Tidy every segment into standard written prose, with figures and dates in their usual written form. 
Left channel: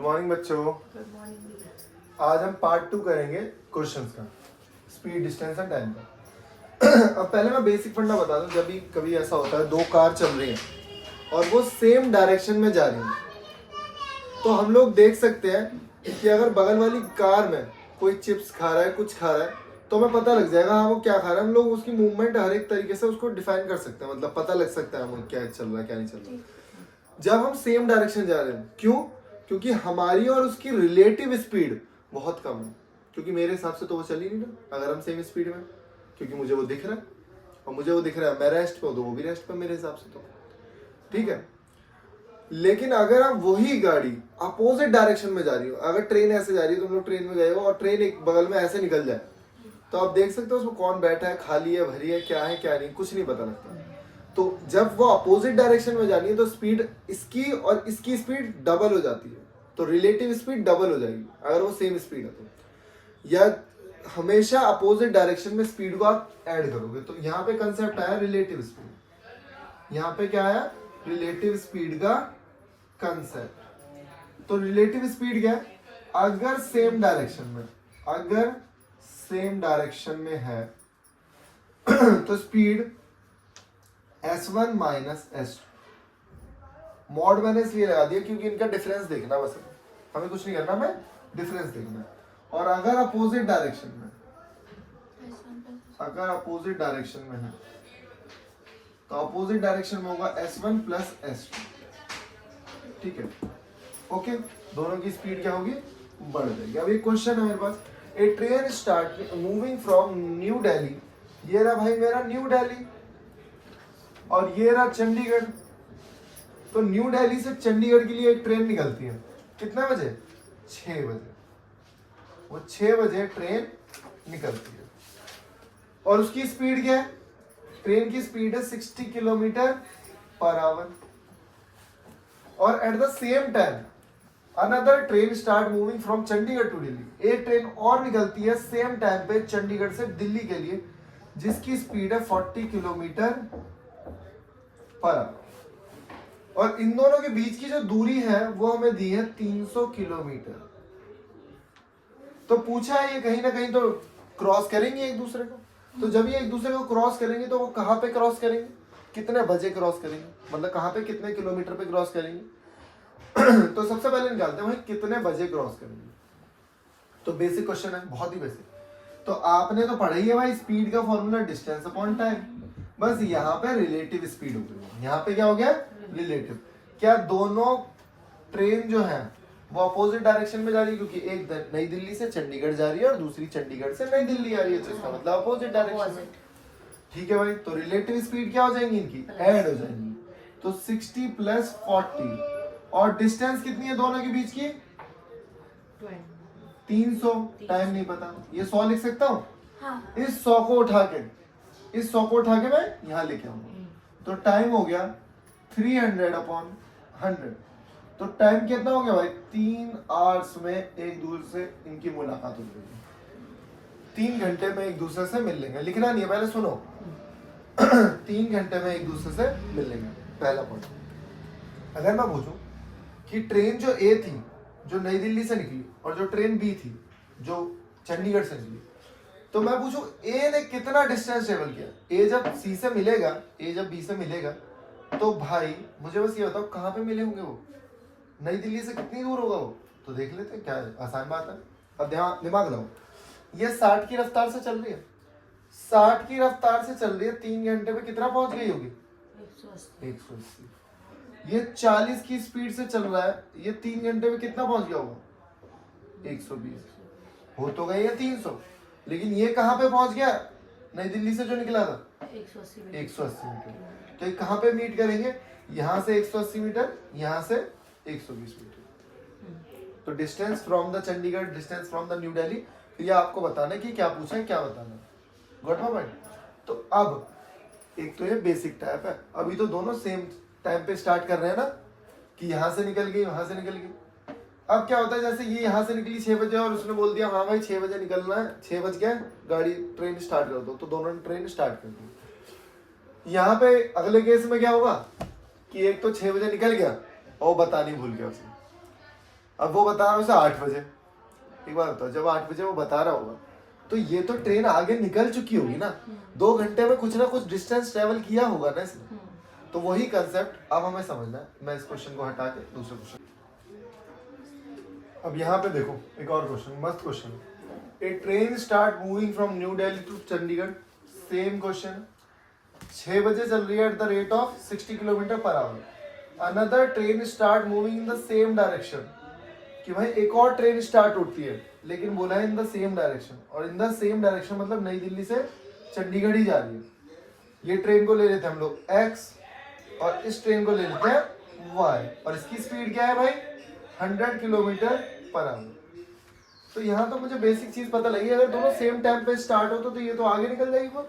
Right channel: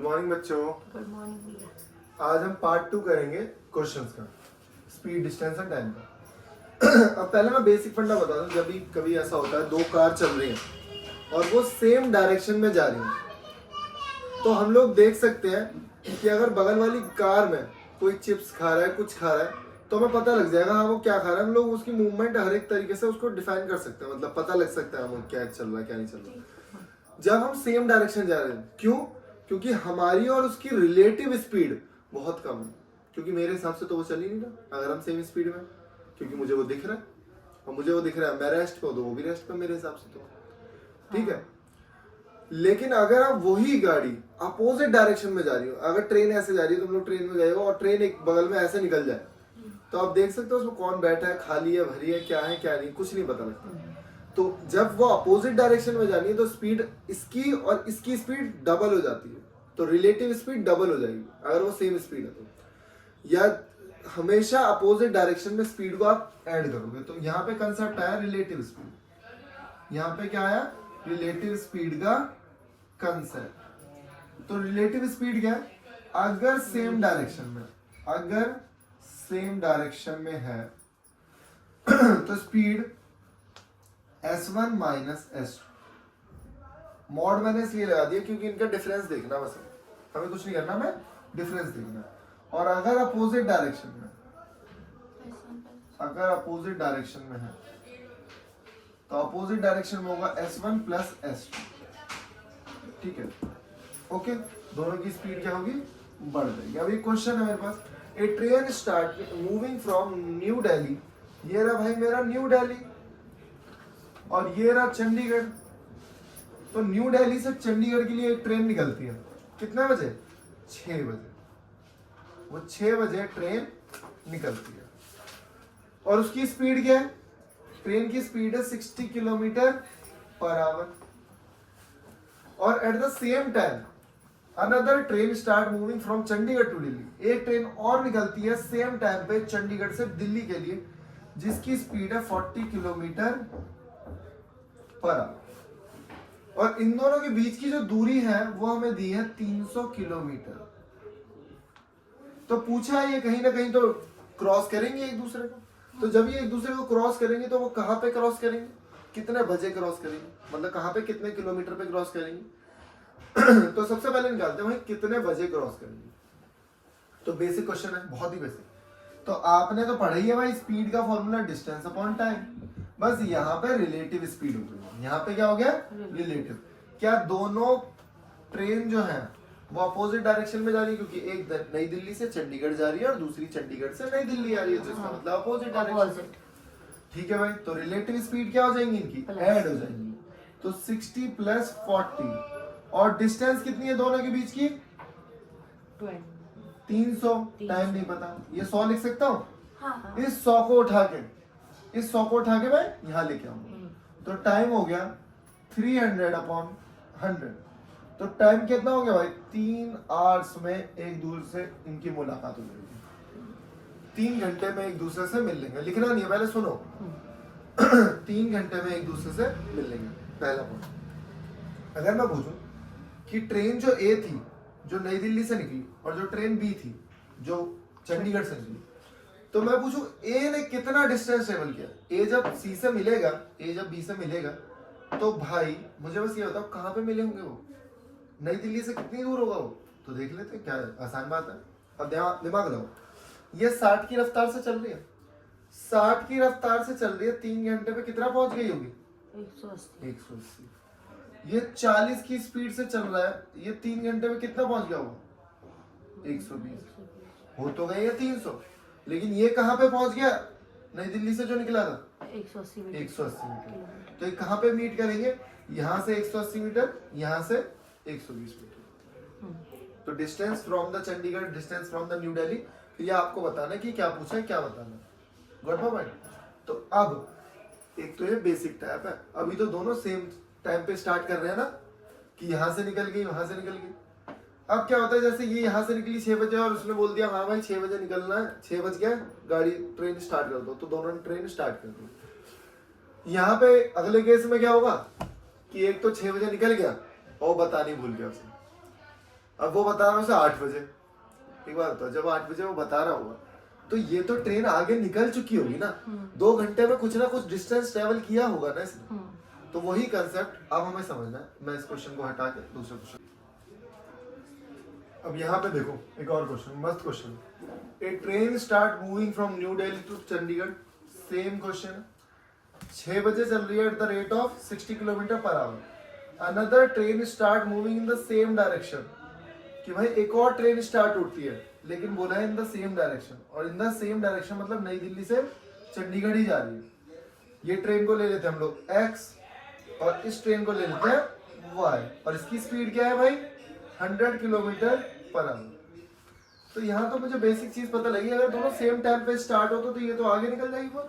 Good morning बच्चों। Good morning भैया। आज हम पार्ट 2 करेंगे क्वेश्चंस का, स्पीड, डिस्टेंस एंड टाइम का। अब पहले मैं बेसिक फंडा बता दूं। जब भी कभी ऐसा होता है, दो कार चल रही हैं और वो सेम डायरेक्शन में जा रही हैं, तो हम लोग देख सकते हैं कि अगर बगल वाली कार में कोई चिप्स खा रहा है, कुछ खा रहा है, तो हमें पता लग जाएगा हाँ वो क्या खा रहा है। हम लोग उसकी मूवमेंट हर एक तरीके से उसको डिफाइन कर सकते हैं, मतलब पता लग सकता है हमें क्या चल रहा है क्या नहीं चल रहा है जब हम सेम डायरेक्शन जा रहे हैं। क्यों? क्योंकि हमारी और उसकी रिलेटिव स्पीड बहुत कम है। क्योंकि मेरे हिसाब से तो वो चल ही नहीं रहा अगर हम सेम स्पीड में, क्योंकि मुझे वो दिख रहा है और मुझे वो दिख रहा है, मैं रेस्ट पे हूं तो वो भी रेस्ट पे मेरे हिसाब से, तो ठीक है। लेकिन अगर आप वही गाड़ी अपोजिट डायरेक्शन में जा रही हो, अगर ट्रेन ऐसे जा रही है, तुम लोग ट्रेन में गए हो और ट्रेन एक बगल में ऐसे निकल जाए, तो आप देख सकते हो उसमें कौन बैठा है, खाली है, भरी है, क्या है क्या नहीं, कुछ नहीं पता लगता। तो जब वो अपोजिट डायरेक्शन में जानी है तो स्पीड इसकी और इसकी स्पीड डबल हो जाती है, तो रिलेटिव स्पीड डबल हो जाएगी अगर वो सेम स्पीड है तो। या हमेशा अपोजिट डायरेक्शन में स्पीड को आप ऐड करोगे, तो यहाँ पे कंसेप्ट आया रिलेटिव स्पीड। यहाँ पे क्या आया? रिलेटिव स्पीड का कंसेप्ट। तो रिलेटिव स्पीड क्या है? अगर सेम डायरेक्शन में है तो speed S1 minus S2। Mod मैंने इसलिए लगा दिया क्योंकि इनका डिफरेंस देखना है, बस हमें कुछ नहीं करना, हमें डिफरेंस देखना है। और अगर अपोजिट डायरेक्शन में है तो अपोजिट डायरेक्शन में होगा S1 प्लस S2, ठीक है। ओके, दोनों की स्पीड क्या होगी? बढ़ जाएगी। अब एक क्वेश्चन है मेरे पास, a train start moving from new Delhi. ये रहा भाई मेरा न्यू दिल्ली और ये रहा चंडीगढ़। तो न्यू दिल्ली से चंडीगढ़ के लिए एक ट्रेन निकलती है, कितने बजे? 6 बजे। वो 6 बजे ट्रेन निकलती है और उसकी स्पीड क्या है? ट्रेन की स्पीड है 60 किलोमीटर पर आवर। और at the same time another train start moving from Chandigarh to Delhi. एक ट्रेन और निकलती है सेम टाइम पे चंडीगढ़ से दिल्ली के लिए, जिसकी स्पीड है 40 किलोमीटर पर आवर। और इन दोनों के बीच की जो दूरी है वो हमें दी है 300 किलोमीटर। तो पूछा है ये कहीं ना कहीं तो क्रॉस करेंगे एक दूसरे को। तो जब ये एक दूसरे को क्रॉस करेंगे तो वो कहाँ पे क्रॉस करेंगे, कितने बजे क्रॉस करेंगे, मतलब कहाँ पे कितने किलोमीटर पे क्रॉस करेंगे। तो सबसे पहले निकालते हैं भाई कितने बजे क्रॉस करेंगे। तो बेसिक क्वेश्चन है, बहुत ही बेसिक। तो आपने तो पढ़ा ही है भाई, स्पीड का फॉर्मूला डिस्टेंस अपॉन टाइम। बस यहाँ पे रिलेटिव स्पीड हो गई। यहाँ पे क्या हो गया? रिलेटिव। क्या दोनों ट्रेन जो है वो अपोजिट डायरेक्शन में जा रही है? क्योंकि एक नई दिल्ली से चंडीगढ़ जा रही है और दूसरी चंडीगढ़ से नई दिल्ली आ रही है, तो इसका मतलब अपोजिट डायरेक्शन। ठीक है भाई, तो रिलेटिव स्पीड क्या हो जाएंगी? इनकी ऐड हो जाएंगी। तो 60 प्लस 40। और डिस्टेंस कितनी है दोनों के बीच की? 300। टाइम नहीं पता, ये 100 लिख सकता हूँ। हाँ। इस 100 को उठा के मैं यहाँ लेके आऊंगा, तो टाइम हो गया 300 अपॉन 100। तो टाइम कितना हो गया भाई? 3 आवर्स में एक दूसरे से इनकी मुलाकात हो जाएगी। 3 घंटे में एक दूसरे से मिल लेंगे। लिखना नहीं है, पहले सुनो। 3 घंटे में एक दूसरे से मिल लेंगे, पहला पॉइंट। अगर मैं पूछूं कि ट्रेन जो ए थी जो नई दिल्ली से निकली और जो ट्रेन बी थी जो चंडीगढ़ से निकली, तो मैं पूछूं ए ने कितना डिस्टेंस ट्रेवल किया। ए जब सी से मिलेगा, ए जब बी से मिलेगा, तो भाई मुझे बस ये बताओ कहाँ पे मिले होंगे वो, नई दिल्ली से कितनी दूर होगा वो। तो देख लेते हैं, क्या है, आसान बात है। अब दिमाग लगाओ, ये 60 की रफ्तार से चल रही है, 60 की रफ्तार से चल रही है, 3 घंटे में कितना पहुंच गई होगी? 180। ये 40 की स्पीड से चल रहा है, ये 3 घंटे में कितना पहुंच गया होगा? 120। हो तो गई है 300, लेकिन ये कहाँ पे पहुंच गया? नई दिल्ली से जो निकला था 180 मीटर। तो ये कहाँ पे मीट करेंगे? यहाँ से 180 मीटर, यहाँ से 120 मीटर। तो distance from the Chandigarh, distance from the new Delhi, ये आपको बताना है कि क्या पूछा है, क्या बताना है। Got my point? तो अब एक तो ये बेसिक टाइप है, अभी तो दोनों सेम टाइम पे स्टार्ट कर रहे हैं ना, कि यहाँ से निकल गई, वहां से निकल गई। अब क्या होता है, जैसे ये यहाँ से निकली 6 बजे और उसने बोल दिया हाँ भाई 6 बजे निकलना है, 6 बज गया, गाड़ी ट्रेन स्टार्ट कर दो, तो दोनों ने ट्रेन स्टार्ट कर दी। यहाँ पे अगले केस में क्या होगा कि एक तो 6 बजे निकल गया और बतानी भूल गया उसे। अब वो बता रहा है उसे 8 बजे। एक बात बताओ, जब 8 बजे वो बता रहा होगा तो ये तो ट्रेन आगे निकल चुकी होगी ना, 2 घंटे में कुछ ना कुछ डिस्टेंस ट्रेवल किया होगा ना इसने। तो वही कंसेप्ट अब हमें समझना है। मैं इस क्वेश्चन को हटा के दूसरे क्वेश्चन, अब यहाँ पे देखो एक और क्वेश्चन, मस्त question. A train start moving from new Delhi to Chandigarh, same question. 6 बजे चल रही है at the rate of 60 kilometre per hour. Another train start moving in the same direction, कि भाई एक और ट्रेन स्टार्ट होती है, लेकिन बोला है इन द सेम डायरेक्शन। और इन द सेम डायरेक्शन मतलब नई दिल्ली से चंडीगढ़ ही जा रही है। ये ट्रेन को ले लेते हैं हम लोग x, और इस ट्रेन को ले लेते हैं y, और इसकी स्पीड क्या है भाई 100 किलोमीटर पर आवर। तो यहाँ तो मुझे बेसिक चीज पता लगी, अगर दोनों सेम टाइम पे स्टार्ट हो तो ये तो आगे निकल जाएगी वो।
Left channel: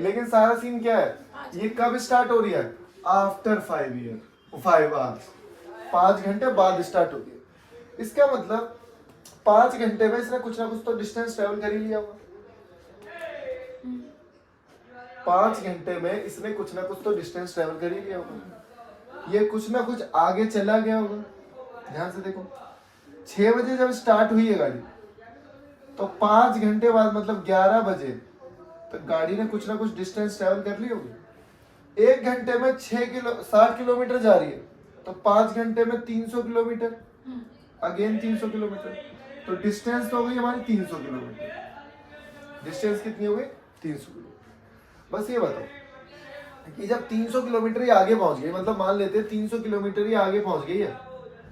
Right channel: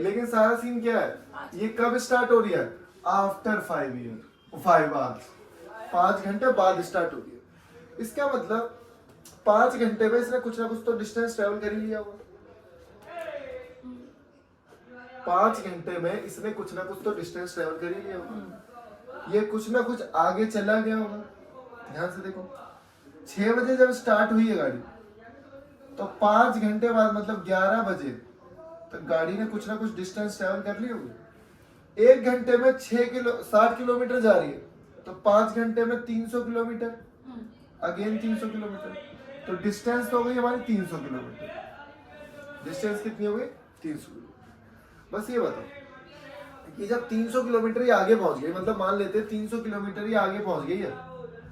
लेकिन सारा सीन क्या है, ये कब स्टार्ट हो रही है, आफ्टर 5 आवर्स, 5 घंटे बाद स्टार्ट हो रही है। इसका मतलब 5 घंटे में इसने कुछ ना कुछ तो डिस्टेंस ट्रेवल कर ही लिया होगा। 5 घंटे में इसने कुछ ना कुछ तो डिस्टेंस ट्रेवल कर ही लिया होगा। ये कुछ ना कुछ आगे चला गया होगा। ध्यान से देखो, 6 बजे जब स्टार्ट हुई है गाड़ी, तो 5 घंटे बाद मतलब 11 बजे तक गाड़ी ने कुछ ना कुछ डिस्टेंस ट्रेवल कर ली होगी। 1 घंटे में 60 किलोमीटर जा रही है, तो 5 घंटे में 300 किलोमीटर, अगेन 300 किलोमीटर, तो डिस्टेंस तो हो गई हमारी 300 किलोमीटर। डिस्टेंस कितनी हो गई 300 किलोमीटर। बस ये बताओ कि जब 300 किलोमीटर ही आगे पहुंच गई, मतलब मान लेते हैं 300 किलोमीटर ही आगे पहुंच गई है,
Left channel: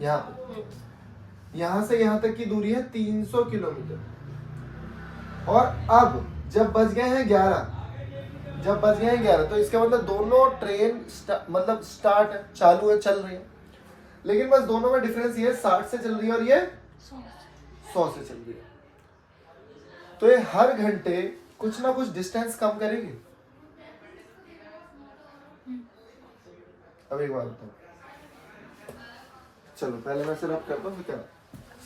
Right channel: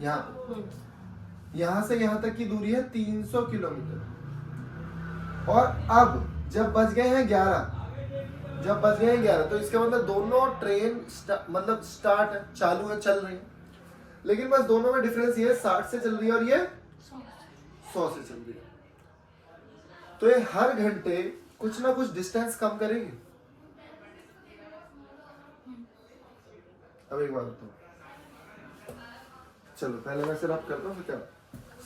यहाँ पे यहाँ से यहाँ तक की दूरी है 300 किलोमीटर, और अब जब बज गए हैं 11, तो इसका मतलब दोनों ट्रेन मतलब स्टार्ट है, चालू है, चल रही है। लेकिन बस दोनों में डिफरेंस ये 60 से चल रही है और ये 100 से चल रही है। तो ये हर घंटे कुछ ना कुछ डिस्टेंस कम करेगी। अब एक बात बताओ, चलो पहले मैं सिर्फ करता हूँ, फिर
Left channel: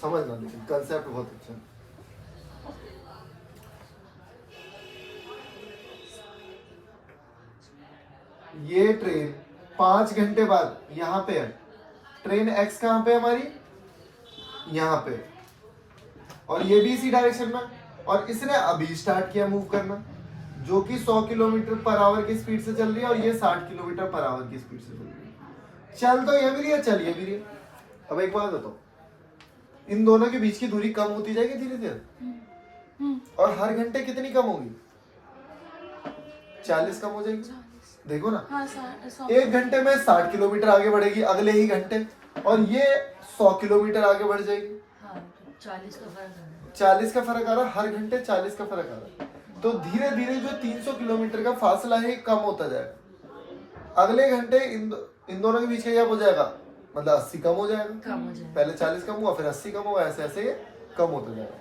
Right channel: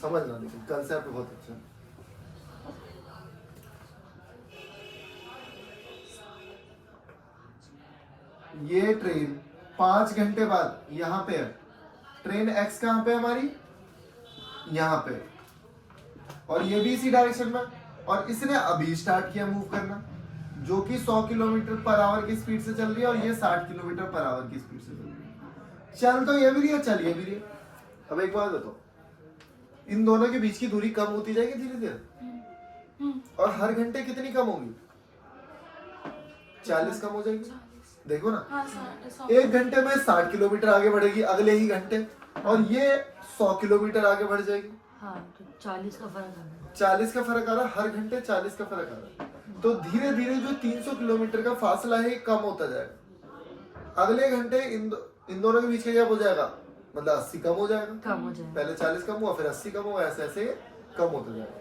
समझना, लेकिन कंसेप्ट बहुत अच्छा है। ये ट्रेन 5 घंटे बाद यहाँ पे है, ट्रेन एक्स कहाँ पे है हमारी, यहाँ पे, और ये भी इसी डायरेक्शन में, और इसने अभी स्टार्ट किया मूव करना, जो कि 100 किलोमीटर पर आवर की स्पीड से चल रही है, और ये 60 किलोमीटर पर आवर की स्पीड से चल रही है। चल तो ये भी रही है, चल ये भी रही है। अब एक बात बताओ, इन दोनों के बीच की दूरी कम होती जाएगी धीरे धीरे, और हर घंटे कितनी कम होगी, 40 कम हो जाएगी। देखो ना, हाँ, 1 घंटे में 60 किलोमीटर आगे बढ़ेगी अगले ही घंटे, और ये 100 किलोमीटर आगे बढ़ जाएगी। हाँ, 40 का फर्क आ रहा है। 40 का फर्क आ रहा है, हर घंटे 40 का फर्क आ रहा है। तो धीरे धीरे जो 300 किलोमीटर का फासला है कम होता जाएगा। अगले घंटे इन दोनों के बीच का गैप हो जाएगा, मतलब 80 कम हो जाएगा। पहले 40 कम हुआ, फिर 80 कम हुआ, ऐसे ऐसे कम होता जाएगा।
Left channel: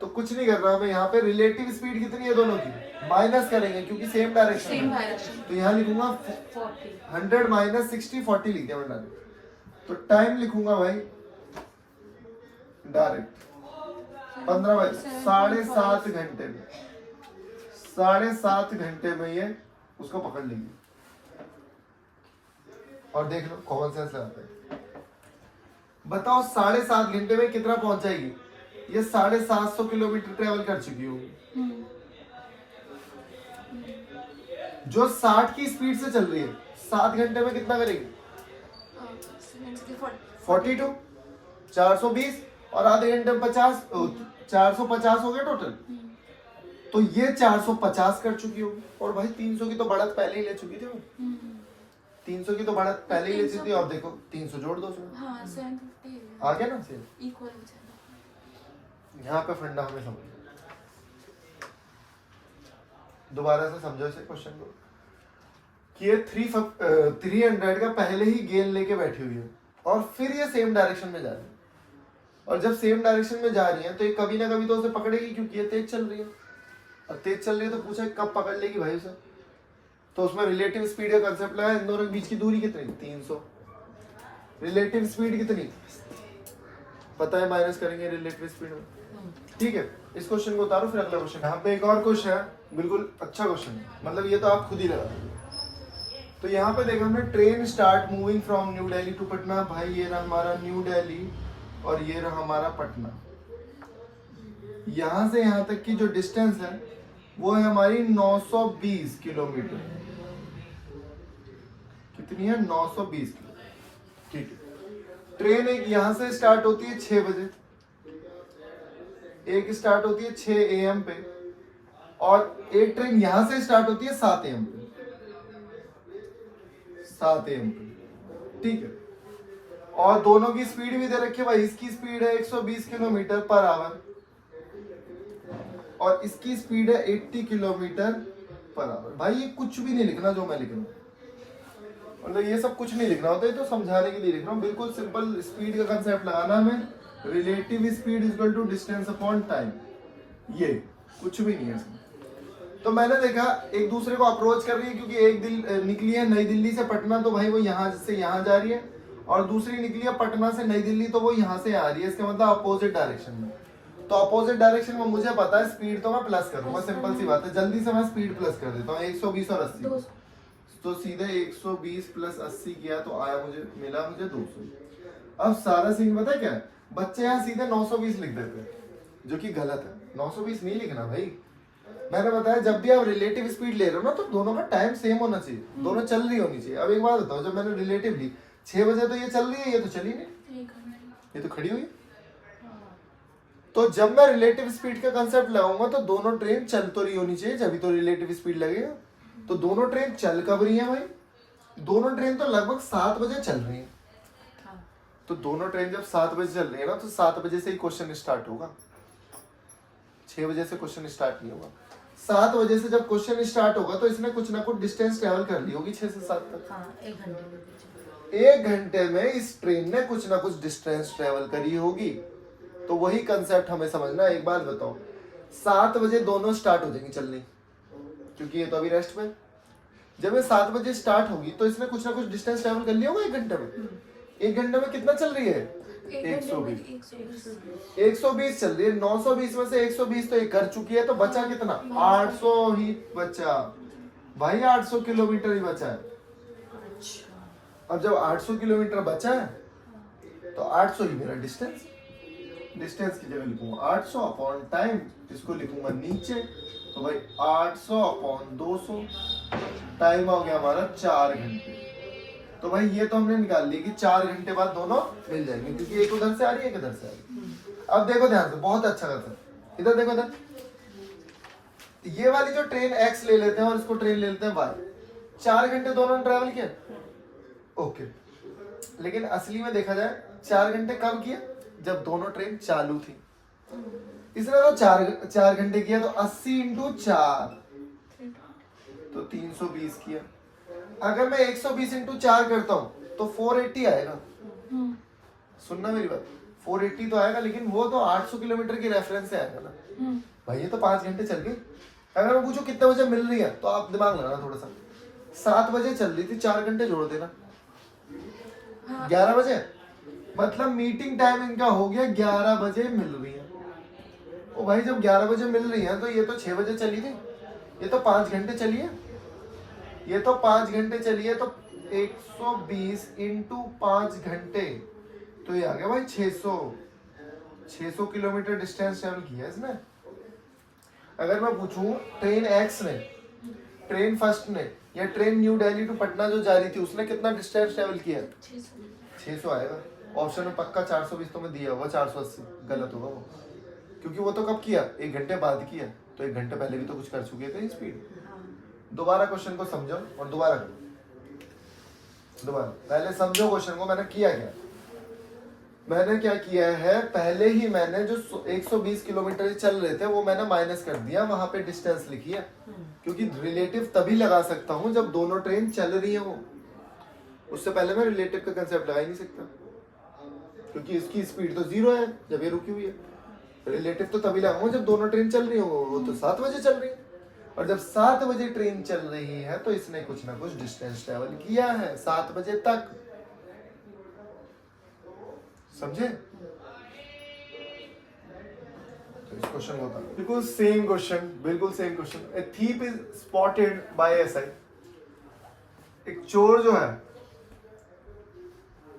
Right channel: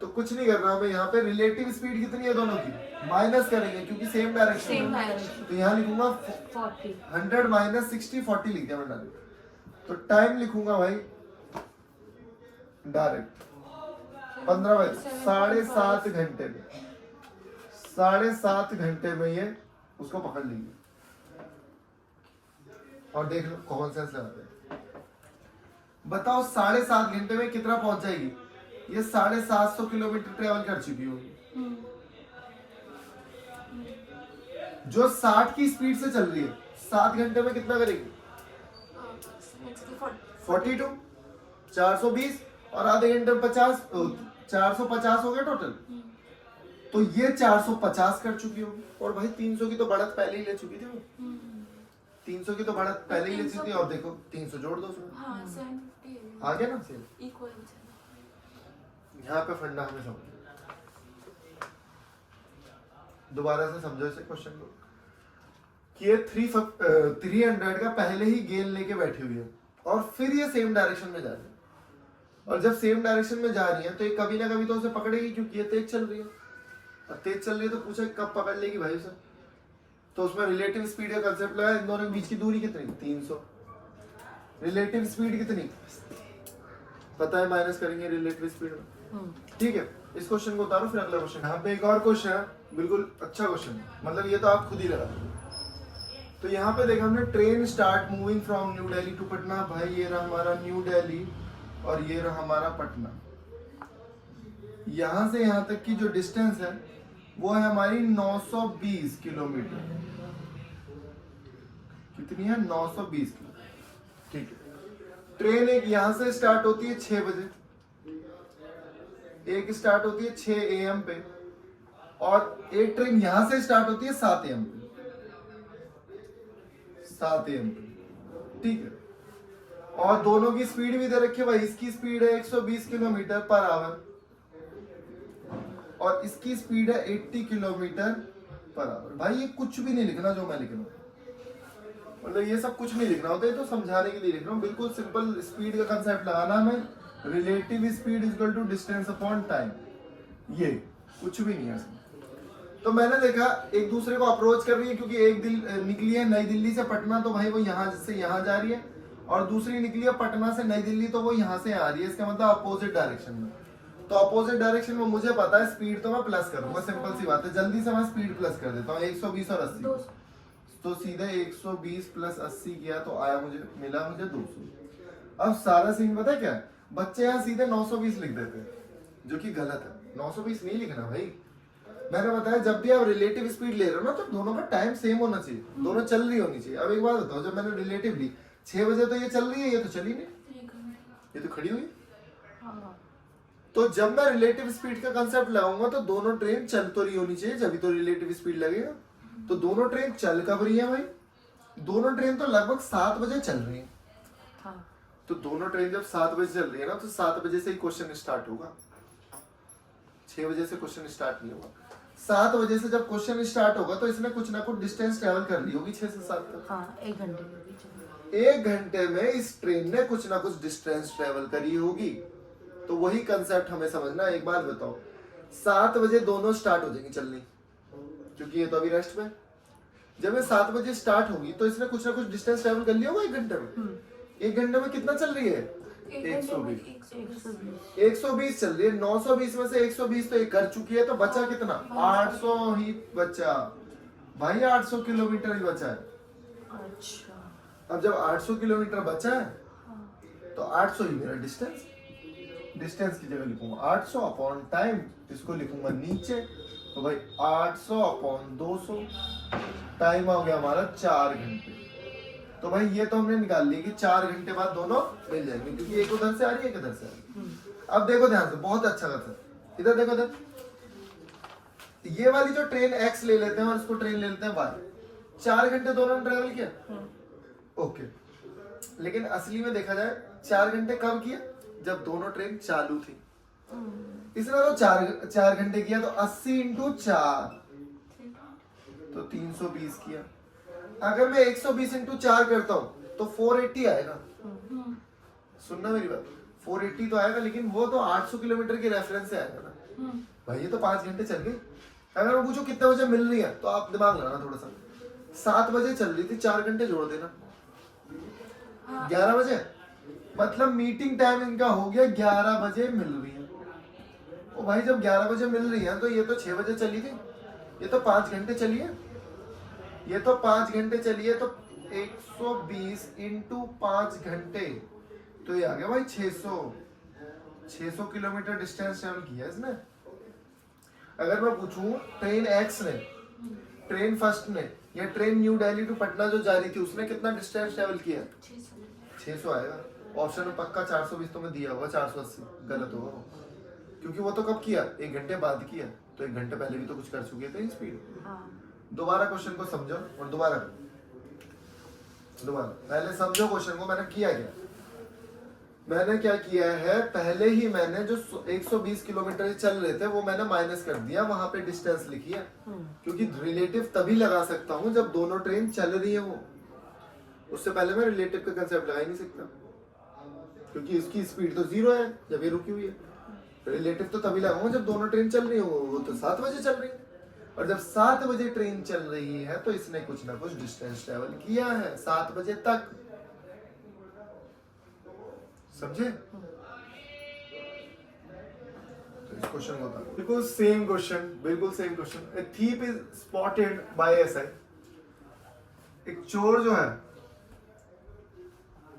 तो कुछ नहीं करना हमें, यहाँ पे रिलेटिव स्पीड कितनी है दोनों की, माइनस करेंगे क्योंकि सेम डायरेक्शन है। तो यहाँ लिखूंगा 100 माइनस 60, 40 लिख दिया मैंने डायरेक्ट। तो टाइम लिखूंगा भाई डायरेक्ट 15 बजे, 7.5 घंटे में, 7.5 घंटे में ये उसको पकड़ लेंगे। और देख लो कॉमन सेंस लगाते हैं, बताओ 7.5 घंटे में कितना पहुंच जाएगी, ये 750 किलोमीटर ट्रेवल कर चुकी होगी। जो 60 की स्पीड से चल रही है 7 घंटे में कितना करेगी, 42, 420, और आधे घंटे में 50, 450 हो गया टोटल। तो ये 450 कर चुकी होगी, और भाई 300 की तो बढ़त पहले ही ले चुकी थी वो। 300 की तो बढ़त पहले ही ले चुकी थी, और देखो 300 जोड़ दो उसमें, हाँ, 750 आ गया ना सेम। इक्वल। यहाँ पे फंडा हमें समझो, दोबारा से समझो इसे क्वेश्चन को, कि ये 300 का पहले ही गेन लेके बैठी हुई है, और फिर ये सेम डायरेक्शन में जा रही है। और जब सेम डायरेक्शन में जा रही है तो ये कभी ना कभी तो उसे पकड़ेगी, क्योंकि ये तेज चल रही है, और तेज चल रही है तो पूछा कब पकड़ लेगी भाई उसे। तो उसमें रिलेटिव स्पीड का कंसेप्ट लगा, इन दोनों के बीच की दूरी कितनी, 300। रिलेटिव स्पीड कितनी पता है, माइनस करेंगे रिलेटिव स्पीड में, ठीक है। इस क्वेश्चन को उतारो, फिर अगला क्वेश्चन। यहाँ पे एक और क्वेश्चन है, बिल्कुल अच्छा क्वेश्चन है, मतलब ये तो आप खुद ही लगा दोगे। तो यहाँ पे देखा हमने, train start moving from new Delhi to Patna. भाई ये रहा हमारा न्यू दिल्ली और ये रहा हमारा पटना। यहां से यहां तक की जो डिस्टेंस है वो है हमारी 920 किलोमीटर। कितनी है? 920 किलोमीटर। ठीक है। ट्रेन एक यहां से स्टार्ट होती है 6 बजे, एक स्टार्ट होती है 6 AM पे, और एक ट्रेन यहां से स्टार्ट होती है 7 AM पे। 7 AM पे, ठीक है। और दोनों की स्पीड भी दे रखी है भाई। इसकी स्पीड है 120 किलोमीटर पर आवर और इसकी स्पीड है 80 किलोमीटर पर आवर। भाई ये कुछ भी नहीं लिखना जो मैं लिख रहा हूँ, मतलब ये सब कुछ नहीं लिखना होता है, तो समझाने के लिए लिख रहा हूँ। बिल्कुल सिंपल स्पीड का कंसेप्ट लगाना है। Relative speed is equal to distance upon time, ये कुछ भी नहीं है इसमें। तो मैंने देखा एक दूसरे को अप्रोच कर रही है, क्योंकि एक निकली है नई दिल्ली से पटना, तो भाई वो यहाँ से यहाँ जा रही है, और दूसरी निकली है पटना से नई दिल्ली, तो वो यहाँ से आ रही है। इसका मतलब अपोजिट डायरेक्शन में। तो अपोजिट डायरेक्शन में मुझे पता है स्पीड तो मैं प्लस करूंगा, सिंपल सी बात है। जल्दी से मैं स्पीड प्लस कर देता हूँ। 120 और 80, तो सीधे 120 प्लस 80 किया तो आया मिला मुझे 200। अब सारा सीन पता है क्या, बच्चे यहाँ सीधे 920 लिख देते हैं, जो कि गलत है। 920 नहीं लिखना भाई। मैंने बताया जब भी आप रिलेटिव स्पीड ले रहे हो ना, तो दोनों का टाइम सेम होना चाहिए, दोनों चल रही होनी चाहिए। अब एक बात बताओ, जब मैंने रिलेटिव ली 6 बजे, तो ये चल रही है, ये तो चली नहीं, ये तो खड़ी हुई है। तो जब मैं रिलेटिव स्पीड का कंसेप्ट लगाऊंगा, तो दोनों ट्रेन चल तो रही होनी चाहिए, जब तो रिलेटिव स्पीड लगेगा। तो दोनों ट्रेन चल कब रही है भाई? दोनों ट्रेन तो लगभग 7 बजे चल रही है। तो दोनों ट्रेन जब 7 बजे चल रही है ना, तो 7 बजे से ही क्वेश्चन स्टार्ट होगा, 6 बजे से क्वेश्चन स्टार्ट नहीं होगा। 7 बजे से जब क्वेश्चन स्टार्ट होगा, तो इसने कुछ ना कुछ डिस्टेंस ट्रेवल कर ली होगी 6 से 7 तक। हाँ, 1 घंटे में। 1 घंटे में इस ट्रेन ने कुछ ना कुछ डिस्टेंस ट्रेवल करी होगी। तो वही कंसेप्ट हमें समझना है। एक बात बताओ, 7 बजे दोनों स्टार्ट हो जाएंगी चलनी, क्योंकि ये तो अभी रेस्ट में। जब ये 7 बजे स्टार्ट होगी, तो इसने कुछ ना कुछ डिस्टेंस ट्रेवल कर लिया होगा 1 घंटे में। 1 घंटे में कितना चल रही है? 120 चल रही है। 920 में से 120 तो ये कर चुकी है, तो बचा कितना? 800 ही बचा भाई, 800 किलोमीटर ही बचा है। अब जब 800 किलोमीटर बचा है, तो 800 ही मेरा डिस्टेंस की जगह लिखूंगा 800 अपॉन टाइम, इसको लिखूंगा नीचे, तो भाई 800 अपॉन 200, टाइम आ गया हमारा 4 घंटे। तो भाई ये तो हमने निकाल ली कि 4 घंटे बाद दोनों मिल जाएंगे, क्योंकि एक उधर से आ रही है, एक इधर से आ रही है। अब देखो ध्यान से, बहुत अच्छा करता है, इधर देखो, इधर ये वाली जो ट्रेन एक्स ले लेते हैं और इसको ट्रेन ले लेते हैं वाई, 4 घंटे दोनों ने ट्रेवल किया, ओके। लेकिन असली में देखा जाए 4 घंटे कब किया? जब दोनों ट्रेन चालू थी। इसने तो 4 घंटे किया, तो 80 इंटू 4 तो 320 किया। अगर मैं 120 इंटू 4 करता हूं, तो 480 आएगा। सुनना मेरी बात, 480 तो आएगा, लेकिन वो तो 800 किलोमीटर की रेफरेंस से आएगा ना भाई। ये तो 5 घंटे चल गए। अगर मैं पूछूं कितने बजे मिल रही है, तो आप दिमाग लगाना थोड़ा सा। 7 बजे चल रही थी, 4 घंटे जोड़ देना, 11 बजे, मतलब मीटिंग टाइम इनका हो गया 11 बजे मिल रही है। ओ भाई, जब 11 बजे मिल रही है, तो ये तो 6 बजे चली थी, ये तो 5 घंटे चली है, ये तो 5 घंटे चली है। तो 120 इंटू 5 घंटे, तो ये आ गया भाई 600 किलोमीटर डिस्टेंस ट्रेवल किया इसने। अगर मैं पूछूं ट्रेन एक्स ने, ट्रेन फर्स्ट ने, या train new Delhi to Patna जो जा रही थी, उसने कितना डिस्टेंस ट्रेवल किया? 600 आएगा। ऑप्शन में पक्का 420 तो में दिया होगा, 480 गलत होगा वो, क्योंकि वो तो कब किया? 1 घंटे बाद किया, तो 1 घंटे पहले भी तो कुछ कर चुके थे स्पीड। दोबारा क्वेश्चन को समझो और दोबारा करो। दोबारा पहले समझो क्वेश्चन को। मैंने किया क्या? मैंने क्या किया है, पहले ही मैंने जो 120 किलोमीटर चल रहे थे, वो मैंने माइनस कर दिया, वहां पे डिस्टेंस लिखी है, क्योंकि रिलेटिव तभी लगा सकता हूं जब दोनों ट्रेन चल रही है वो। उससे पहले मैं रिलेटिव का कंसेप्ट लगा ही नहीं सकता, क्योंकि इसकी स्पीड तो 0 है जब ये रुकी हुई है। रिलेटिव तो तभी लगाऊंगा जब दोनों ट्रेन चल रही हो, वो तो 7 बजे चल रही है, और जब 7 बजे ट्रेन चल रही है, तो इसने कुछ ना कुछ डिस्टेंस ट्रेवल किया है 7 बजे तक। समझे? तो इस क्वेश्चन को बिल्कुल सेम क्वेश्चन, बिल्कुल same question. A thief is spotted by SI. एक चोर जो है,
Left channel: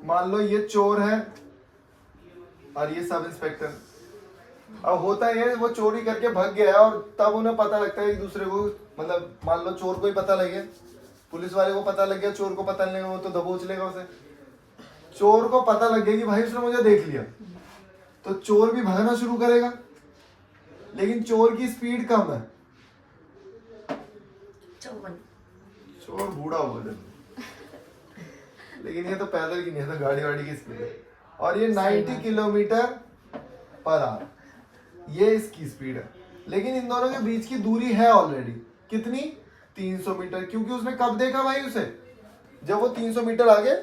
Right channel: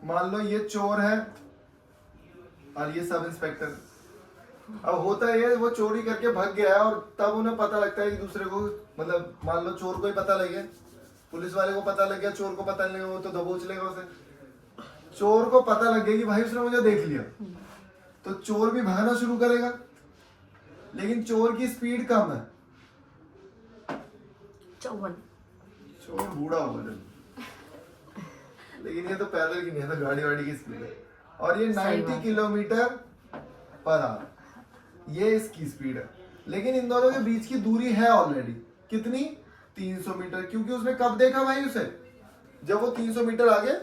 मान लो ये चोर है, और ये सब इंस्पेक्टर। अब होता है वो चोरी करके भाग गया और तब उन्हें पता लगता है एक दूसरे को, मतलब मान लो चोर को ही पता लग गया, पुलिस वाले को पता लग गया, चोर को पता नहीं लगा वो तो दबोच लेगा उसे। चोर को पता लग गया कि भाई उसने मुझे देख लिया, तो चोर भी भागना शुरू करेगा, लेकिन चोर की स्पीड कम है, 54। चोर बूढ़ा हो गया, लेकिन ये तो पैदल की नहीं है, तो गाड़ी वाड़ी की स्पीड है। और ये 90 किलोमीटर पर आवर, ये इसकी स्पीड है। लेकिन इन दोनों के बीच की दूरी है ऑलरेडी कितनी, 300 मीटर, क्योंकि उसने कब देखा भाई उसे, जब वो 300 मीटर आगे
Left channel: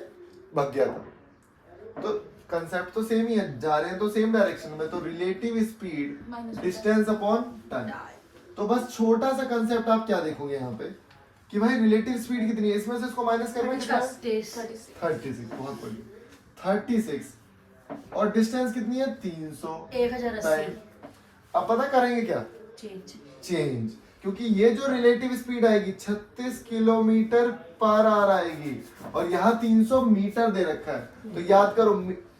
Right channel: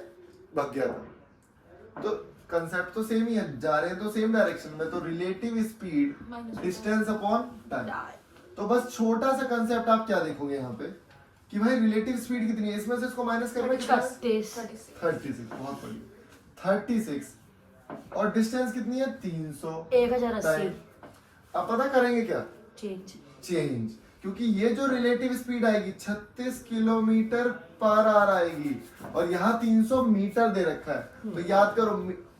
भाग गया था। तो कंसेप्ट तो सेम ही है, जा रहे हैं तो सेम डायरेक्शन में, तो relative speed distance upon time. तो बस छोटा सा कंसेप्ट आप क्या देखोगे यहाँ पे कि भाई रिलेटिव स्पीड कितनी है, इसमें से इसको माइनस करेंगे कितना है? 36, बहुत बढ़िया, 36। और डिस्टेंस कितनी है? 300। 1080 अब पता करेंगे क्या? चेंज, क्योंकि ये जो रिलेटिव स्पीड आएगी 36 किलोमीटर पर आवर आएगी, और यहाँ 300 मीटर दे रखा है। तो याद करो,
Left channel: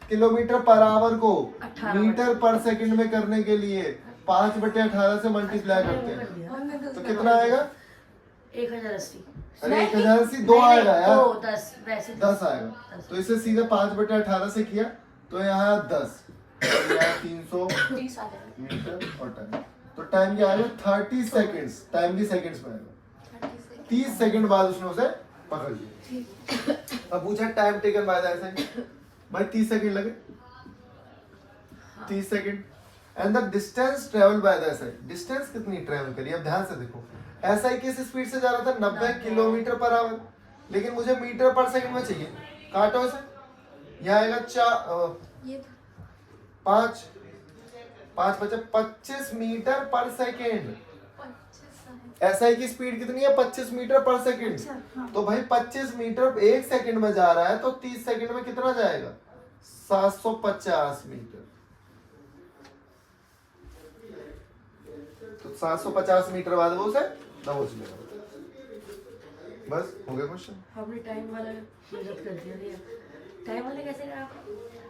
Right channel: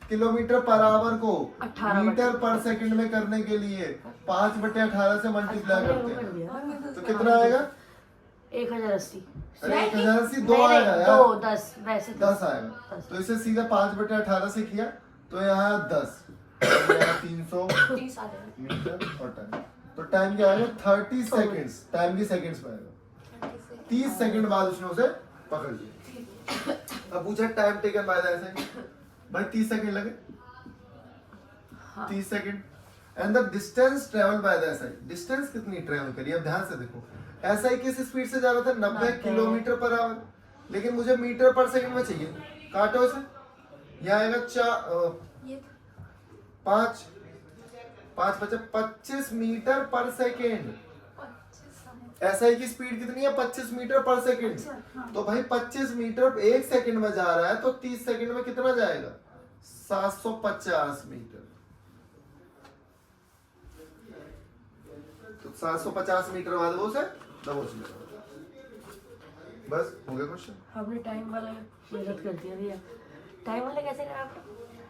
किलोमीटर पर आवर को 18 मीटर पर सेकंड में करने के लिए 5/18 से मल्टीप्लाई करते हैं, तो कितना आएगा? 1080। अरे 1080 दो आएगा यार, 10 वैसे 10 आएगा। तो इसे सीधा 5/18 से किया तो यहाँ 10, यहाँ 300 मीटर और टाइम। तो टाइम क्या आएगा? 30 सेकेंड्स, टाइम भी सेकेंड्स में आएगा। 30 सेकंड बाद उसने उसे पकड़ लिया। अब पूछा time taken by the SI, भाई 30 सेकंड लगे, 30 second. And the distance travel by the SI, distance कितनी ट्रेवल करी? अब ध्यान से देखो, एसआई किस स्पीड से जा रहा था? 90 किलोमीटर पर आवर, लेकिन मुझे मीटर पर सेकंड में चाहिए। काटो इसे, यहाँ आएगा 5 बचे 25 मीटर पर सेकेंड। एसआई की स्पीड कितनी है? 25 मीटर पर सेकेंड। तो भाई 25 मीटर एक सेकंड में जा रहा है, तो 30 सेकंड में कितना जाएगा? 750 मीटर। तो 750 मीटर बाद वो उसे दबोच लेगा। बस हो गया क्वेश्चन। हमने टाइम वाला मेहनत कर दिया। टाइम वाला कैसे करा आपने?